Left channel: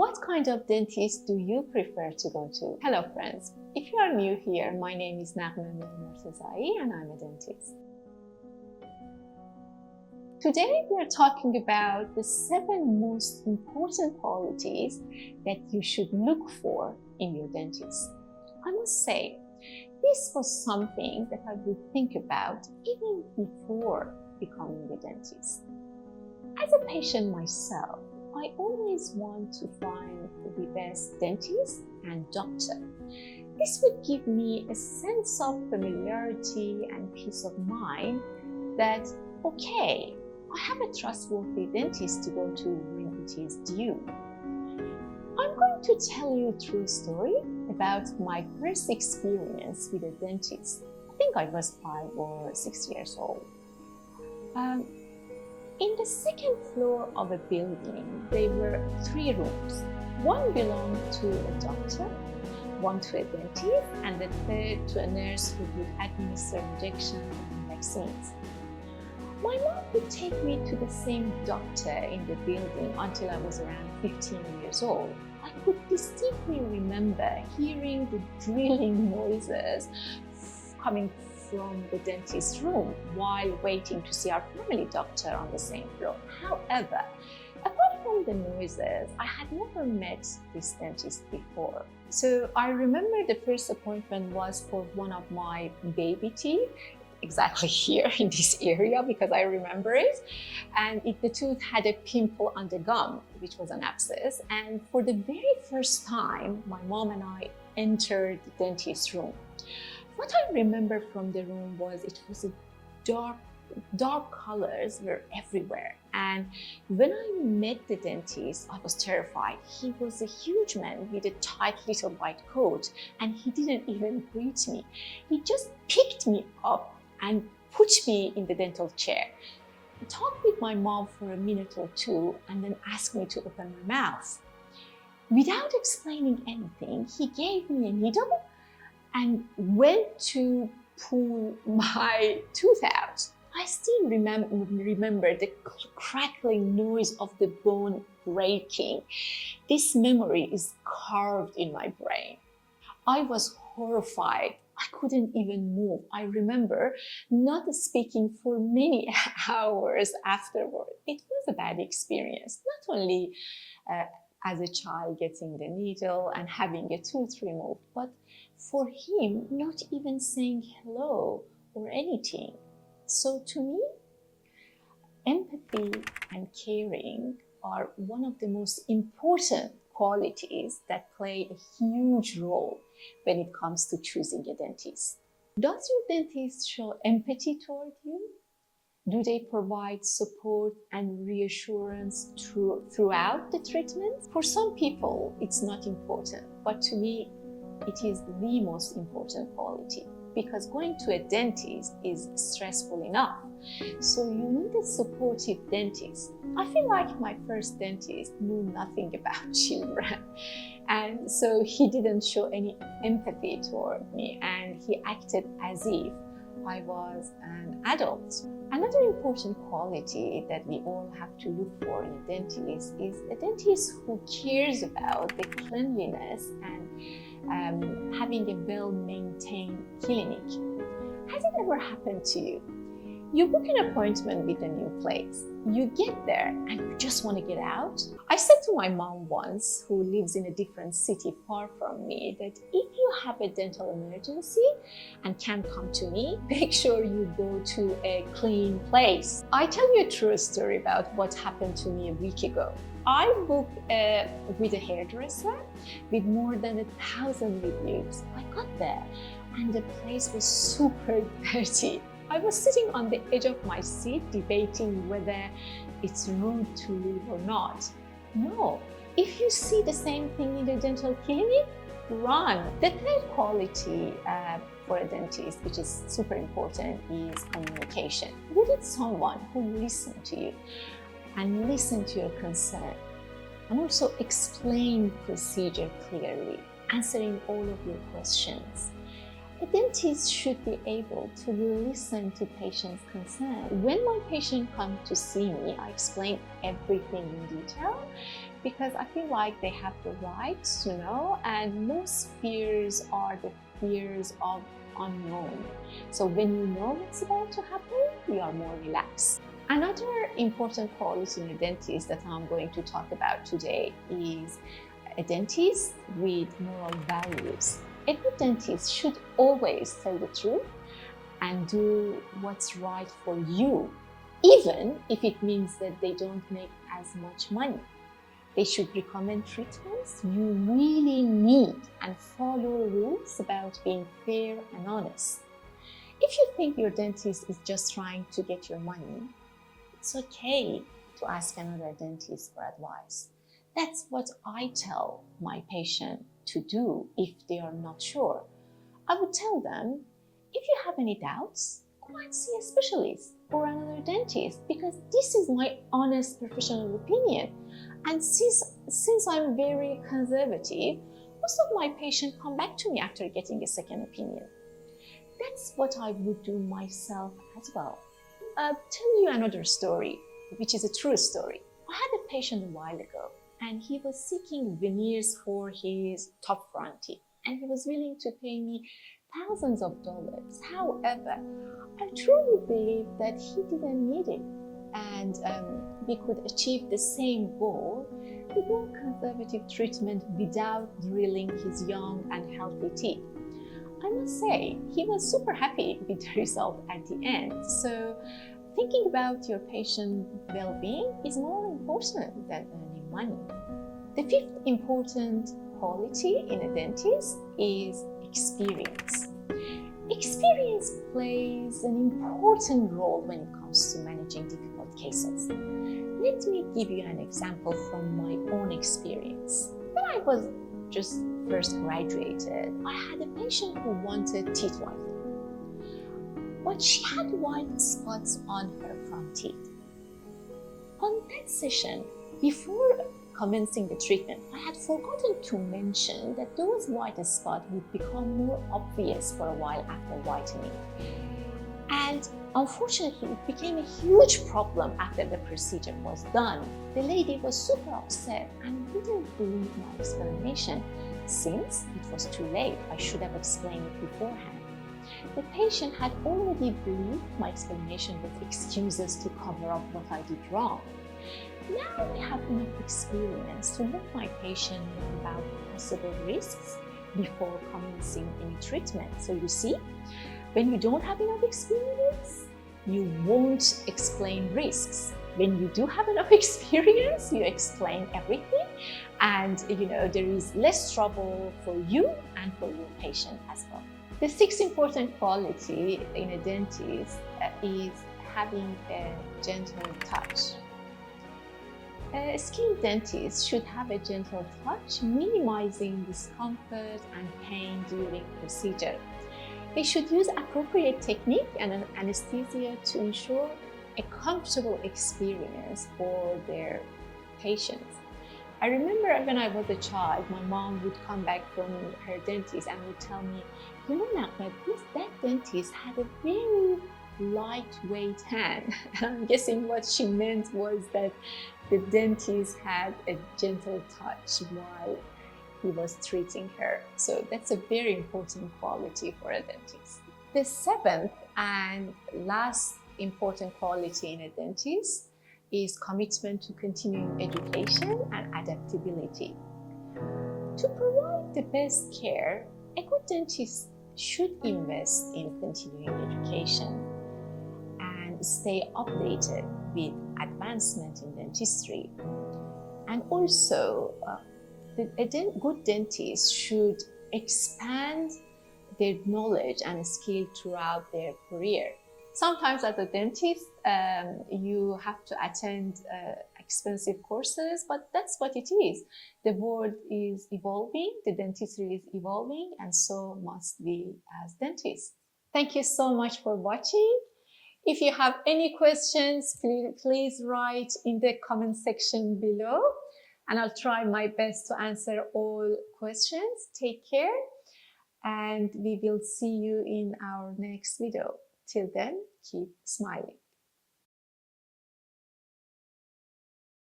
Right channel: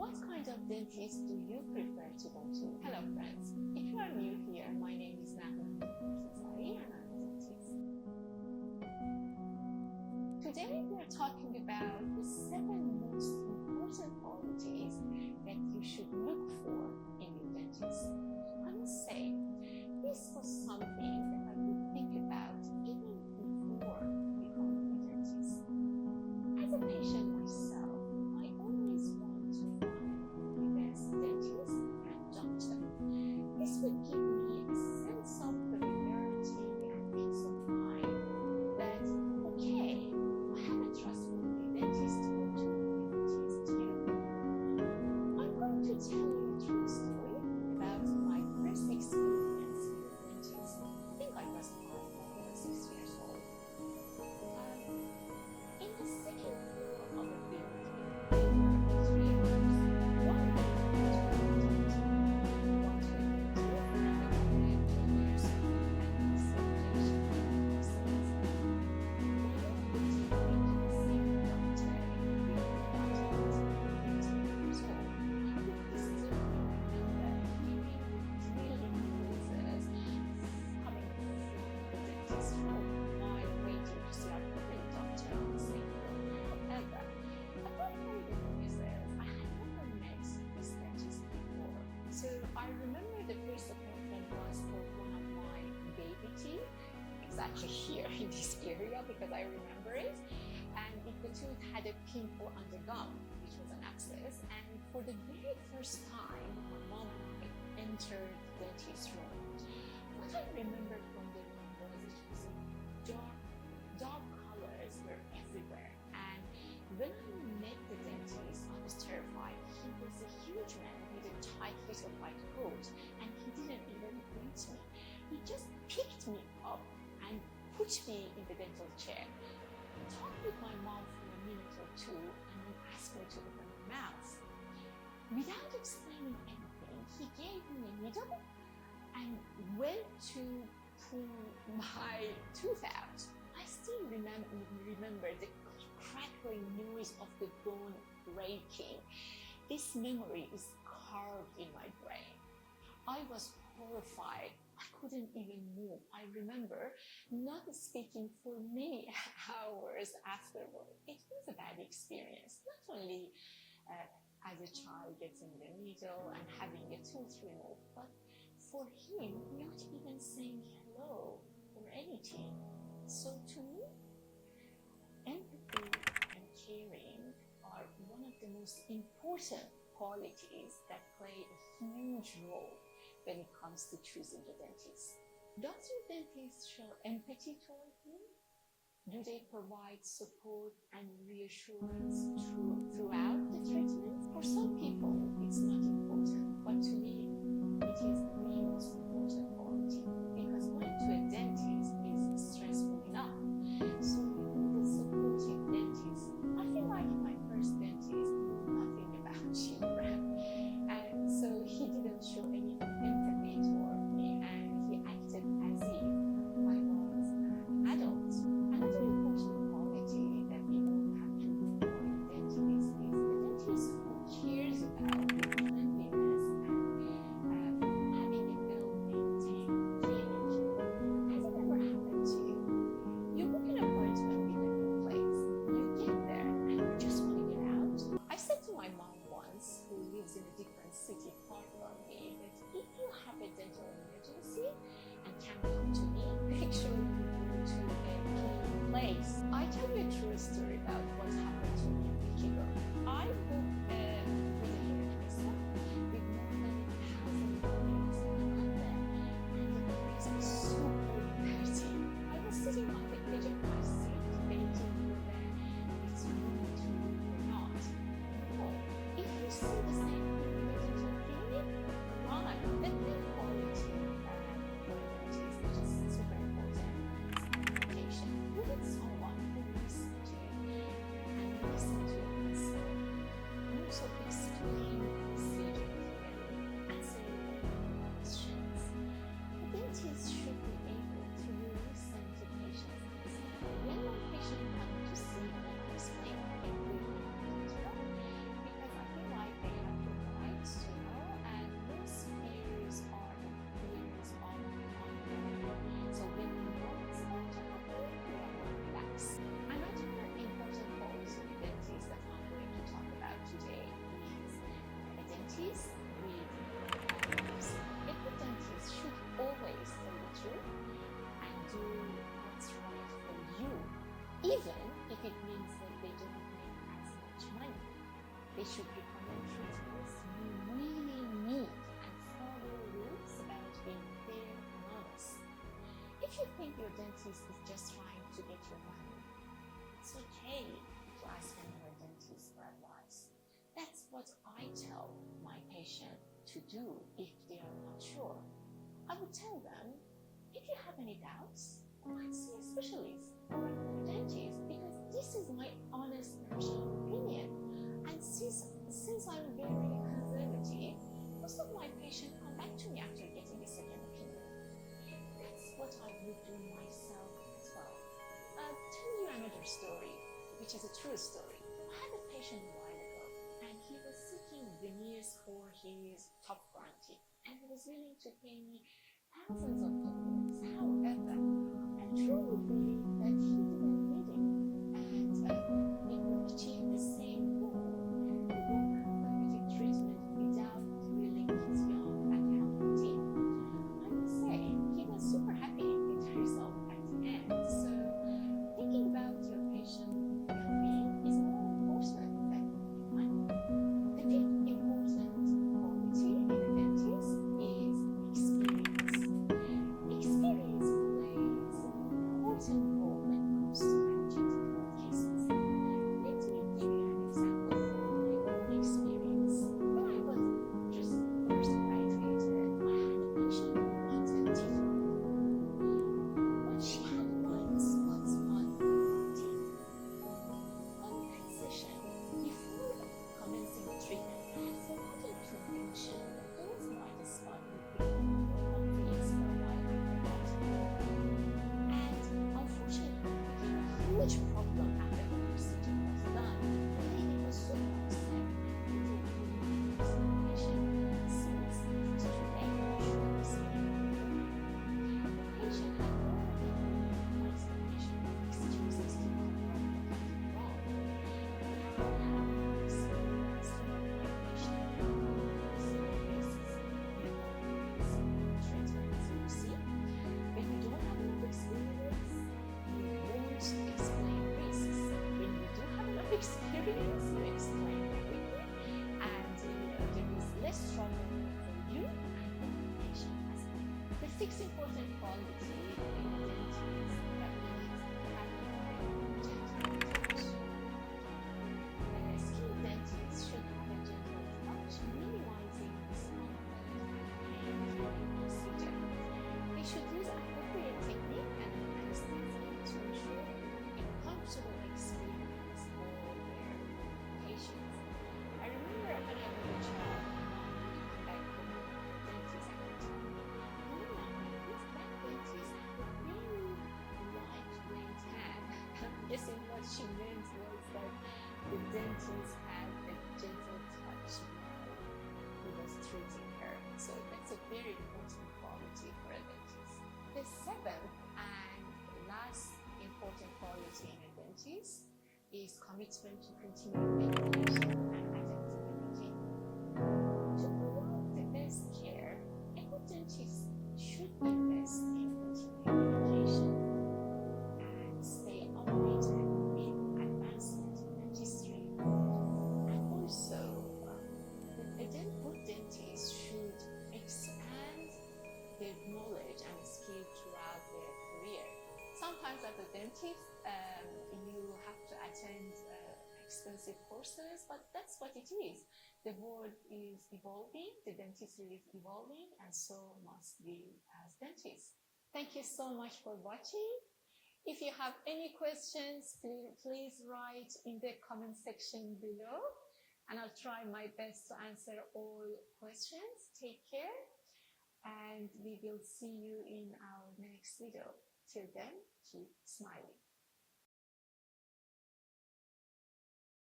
What kind of dentist do you prefer to go to? Hello friends, if you are new here, my name is Naghmeh Mortezai and I'm a dentist. Today we are talking about the 7 most important qualities that you should look for in your dentist. I must say, this was something that I would think about even before becoming a dentist. As a patient myself, I always want to find the best dentist and doctor. This would give me a sense of familiarity and peace of mind that, okay, I have a trustworthy dentist to go to when it is due. I'm going to tell you a true story about my first experience with a dentist. I think I was 5 or 6 years old. In the 2nd floor of a building, there were 3 rooms. One belonged to a doctor, one to a dentist, and the 3rd to a nurse who would administer injections and vaccines. My mom would take me to the same doctor in the building until I was around 15 years old. I could distinctly remember hearing the drilling noises coming from the dentist's room while waiting to see our family doctor on the same floor. However, apart from the noises, I had never met this dentist before. So I remember the first appointment was for one of my baby teeth, exactly here in this area because I remember it. And the tooth had a pimple on the gum, which was an abscess. And for the very first time, my mom and I entered the dentist's room. What I remember from the room was it was a dark colors were everywhere. And when I met the dentist, I was terrified. He was a huge man with a tight little white coat, and he didn't even greet me. He just picked me up and put me in the dental chair. He talked with my mom for a minute or 2 and then asked me to open my mouth. Without explaining anything, he gave me a needle and went to pull my tooth out. I still remember the crackling noise of the bone breaking. This memory is carved in my brain. I was horrified. I couldn't even move. I remember not speaking for many hours afterward. It was a bad experience, not only as a child getting the needle and having a tooth removed, but for him not even saying hello or anything. So to me, empathy and caring are one of the most important qualities that play a huge role when it comes to choosing a dentist. Does your dentist show empathy toward you? Do they provide support and reassurance throughout the treatment? For some people, it's not important, but to me, it is the most important quality because going to a dentist is stressful enough. So you need a supportive dentist. I feel like my first dentist knew nothing about children. And so he didn't show any empathy toward me and he acted as if I was an adult. Another important quality that we all have to look for in a dentist is a dentist who cares about the cleanliness and having a well-maintained clinic. Has it ever happened to you? You book an appointment with a new place. You get there and you just want to get out. I said to my mom once, who lives in a different city far from me, that if you have a dental emergency and can't come to me, make sure you go to a clean place. I tell you a true story about what happened to me a week ago. I booked with a hairdresser with more than 1,000 reviews. I got there and the place was super dirty. I was sitting on the edge of my seat debating whether it's rude to leave or not. No, if you see the same thing in a dental clinic, run. The 3rd quality for a dentist, which is super important, is communication. You need someone who listens to you and listen to your concern and also explain procedure clearly, answering all of your questions. A dentist should be able to listen to patients' concern. When my patient comes to see me, I explain everything in detail because I feel like they have the right to know, and most fears are the fears of unknown. So when you know what's about to happen, you are more relaxed. Another important quality in a dentist that I'm going to talk about today is a dentist with moral values. A good dentist should always tell the truth and do what's right for you, even if it means that they don't make as much money. They should recommend treatments you really need and follow rules about being fair and honest. If you think your dentist is just trying to get your money, it's okay to ask another dentist for advice. That's what I tell my patient to do if they are not sure. I would tell them, if you have any doubts, go and see a specialist or another dentist, because this is my honest professional opinion. And since I'm very conservative, most of my patients come back to me after getting a second opinion. That's what I would do myself as well. I'll tell you another story, which is a true story. I had a patient a while ago, and he was seeking veneers for his top front teeth, and he was willing to pay me thousands of dollars. However, I truly believe that he didn't need it, and we could achieve the same goal with more conservative treatment without drilling his young and healthy teeth. I must say, he was super happy with the result at the end. So thinking about your patient well-being is more important than earning money. The fifth important quality in a dentist is experience. Experience plays an important role when it comes to managing difficult cases. Let me give you an example from my own experience. When I was just first graduated, I had a patient who wanted teeth whitening, but she had white spots on her front teeth. On that session, before commencing the treatment, I had forgotten to mention that those white spots would become more obvious for a while after whitening. And unfortunately, it became a huge problem after the procedure was done. The lady was super upset and didn't believe my explanation. Since it was too late, I should have explained it beforehand. The patient had already believed my explanation with excuses to cover up what I did wrong. Now I have enough experience to let my patient know about possible risks before commencing any treatment. So you see, when you don't have enough experience, you won't explain risks. When you do have enough experience, you explain everything, and there is less trouble for you and for your patient as well. The sixth important quality in a dentist is having a gentle touch. A skilled dentist should have a gentle touch, minimizing discomfort and pain during procedure. They should use appropriate technique and an anesthesia to ensure a comfortable experience for their patients. I remember when I was a child, my mom would come back from her dentist and would tell me, Luna, but that dentist had a very lightweight hand. And I'm guessing what she meant was that the dentist had a gentle touch while he was treating her. So that's a very important quality for a dentist. The seventh and last important quality in a dentist is commitment to continuing education and adaptability. To provide the best care, a good dentist should invest in continuing education and stay updated with advancement in dentistry. And also, a good dentist should expand their knowledge and skill throughout their career. Sometimes as a dentist, you have to attend expensive courses, but that's what it is. The world is evolving, the dentistry is evolving, and so must we as dentists. Thank you so much for watching. If you have any questions, please write in the comment section below, and I'll try my best to answer all questions. Take care, and we will see you in our next video. Till then, keep smiling.